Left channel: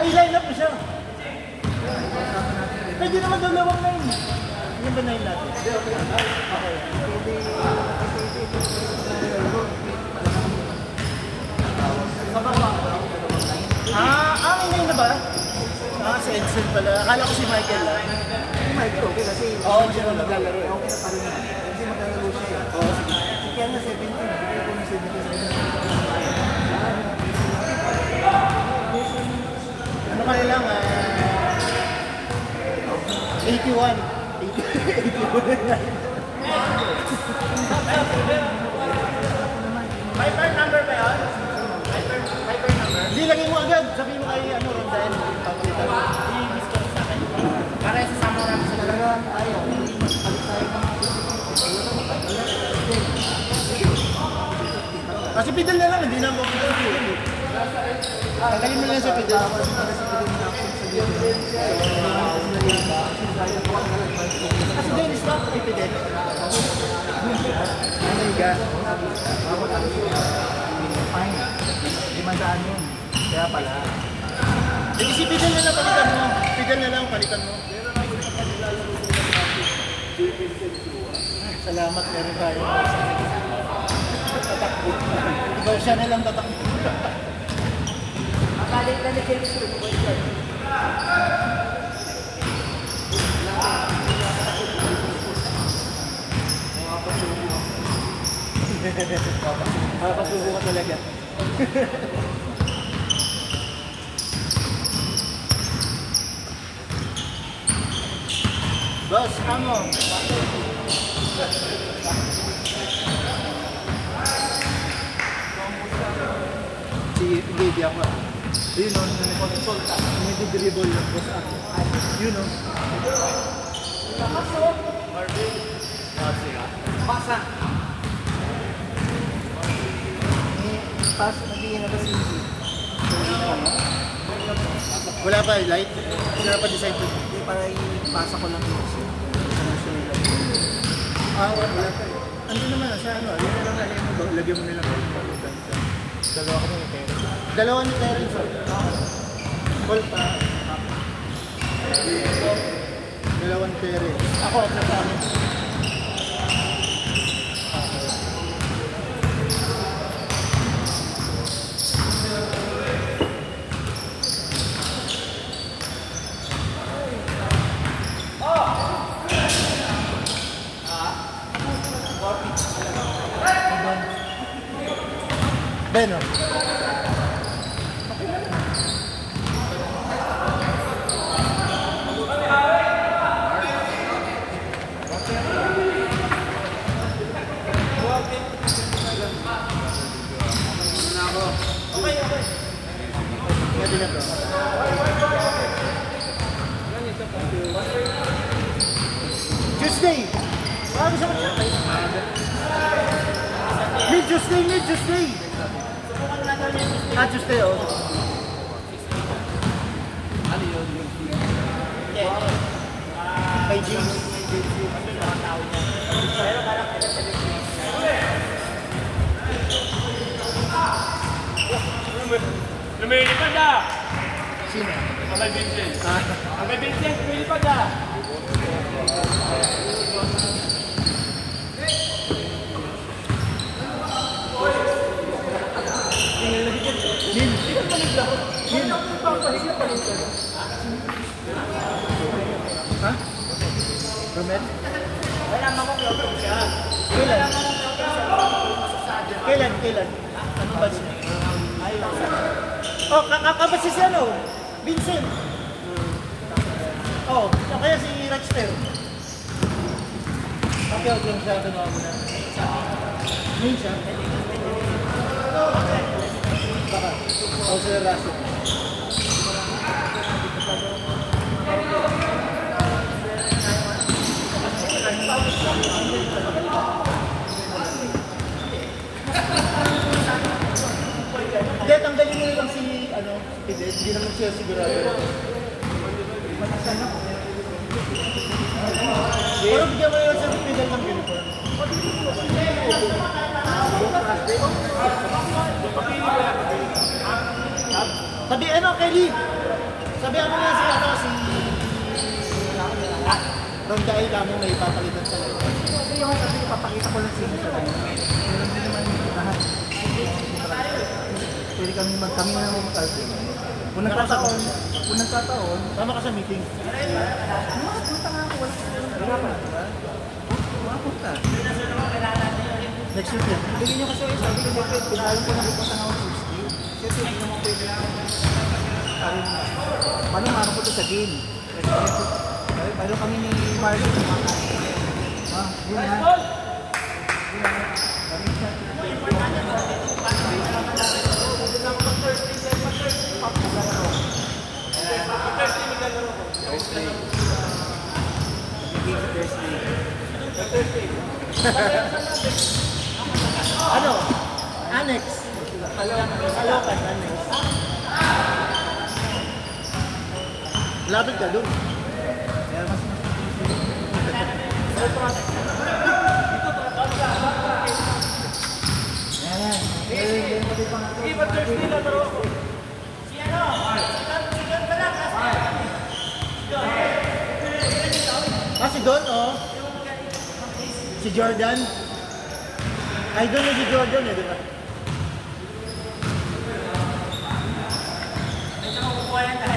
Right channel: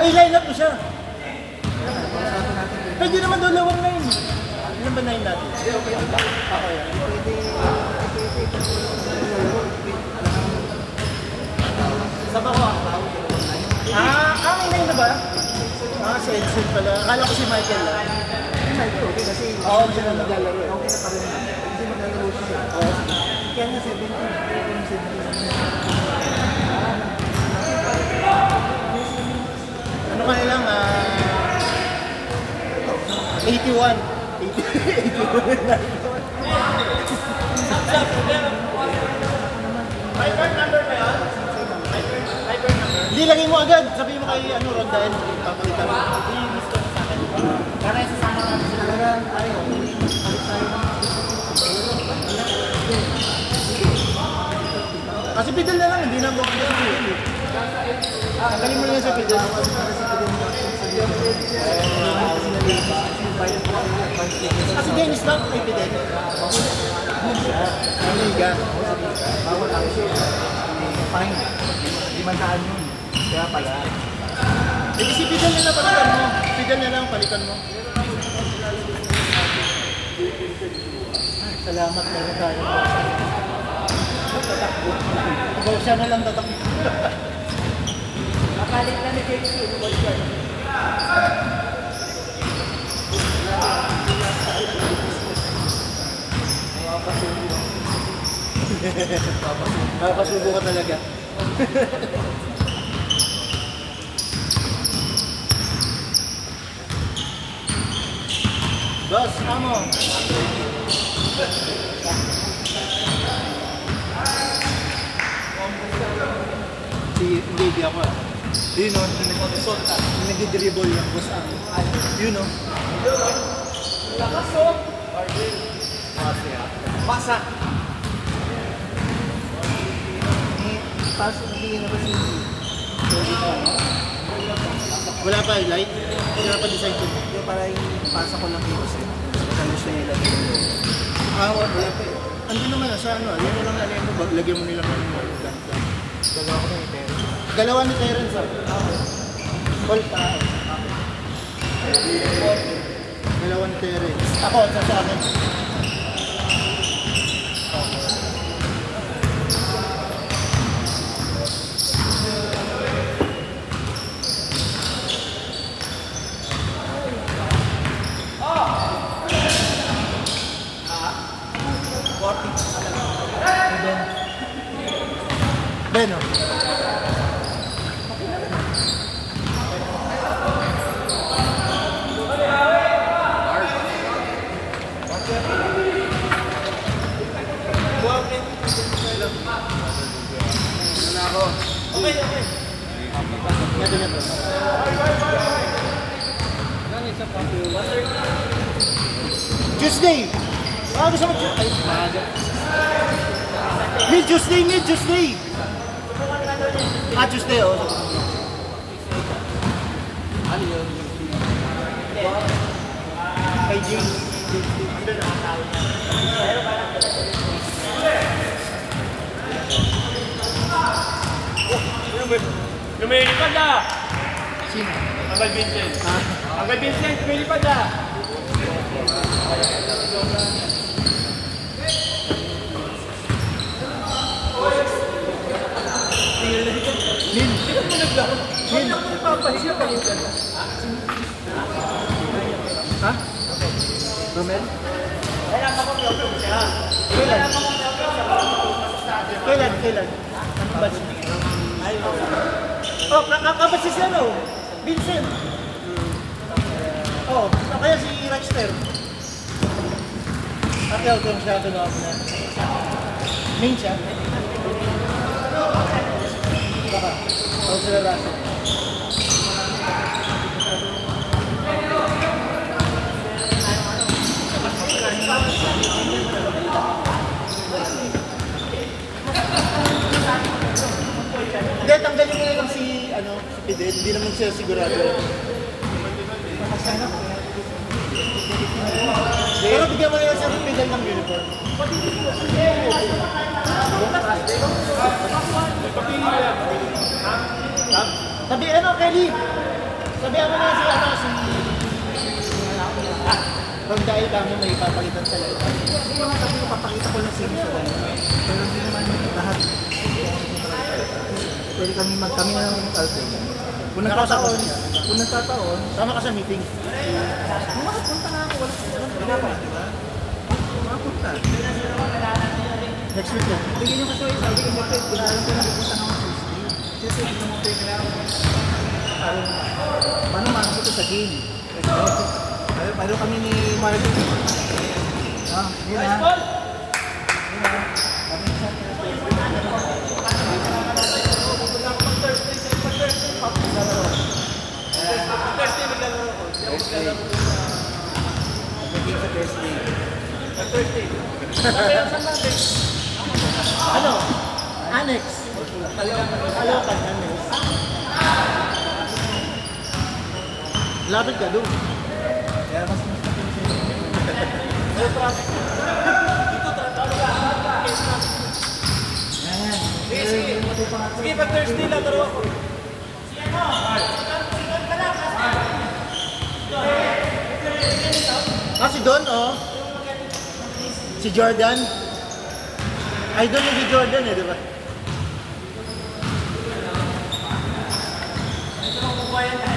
Ay, line up mo siya. Pwede naman dalawang line. Yung ba line natin? Okay. Ang line na ba? Sa Edson pala. Akala ko si Michael lang. Okay kasi oo, siya na naglalaro eh. Kasi maglalaro siya. Oo. Kaya nga 17. Ano ka lang 81. Hyper number ba yun? Hindi, lagay mo agad. Sabihin mo kay Rondan. Papalitan mo. I-miss ka sa akin. Para sasama namin sila lang. Ayaw. Kasi pidal na lang. Hindi na ako pidal. Tanggalin mo lang sa pidal. Kasi game stop kay pidal. Amiga. Bawal ang fine. 500 yun. Kaya pala. Eh kasi pidal na lang palitan mo. Pidal na lang palitan mo. Salamat na rin tayo. Tatakbo. Ikaw siya na lang tatakbo. Makalit na nag-get ko. Papasubo ka talaga. Boss, amo. Hindi ako. Yun o, hindi dribble yung boss ako. Yun o. Kapasok. Pasa. Pasok na wala pa light? Wala pa design ko. Hindi, para ipasa ko lang dito siya. Ano siya nila? Ano naman siya? Yun na lang mo. Lagyan mo nila. Dalawa ko ni Terence. Dalawa ni Terence. Call pa. Dalawa ni Terence. Ako, sa amin. Beno. Tuesday. Ano siya? Tuesday niya, Tuesday. Tuesday, oh. Ano yun? Kay James. Lumilipad na! Sino? Abay Vincent. Abay Vincent, lumilipad na! Lin. Lin. Ha? Romel? Kailan mo kong lotong siya? Kailan mo kong lotong siya? Kailan? Kailan? Anong batch? Oh, kakabas si ano? Vincent. Oh, kaya si Rexter. Okay, siya ito na. Main siya? Baka. O sila Russell. Hindi, tanggalin mo lang si Fidel. Hindi naman siya sigurado. Pero bigyan mo na lang si Fidel ng uniform. Sabi Kelly. Sabi mo na si Doon dahil kami may papalitan talaga. Sabi ko, papakita ko lang sino sa dahil. Pero hindi naman lahat. Pwede kami na naman mag-alternate. Kung nagkataon, sama ka sa meeting. Makapunta nga ako, walang problema, di ba? Makapunta. Next week yan. Bigyan niyo kasi sabi ko, Jeffrey, kinahin ko na dito sa mga Tuesday. Jeffrey, hindi mo pwede na ano nga ko sa game. Paano kami ni Marlon? Hindi na. Ano? Annex. Kalokan, Annex. Lapit ka doon. Kaya mas yan. Sige, pag Thursday lang, pero... Si Don, oh. Si Jordan. Idol na si Jordan, di ba? Ito makukuha yan.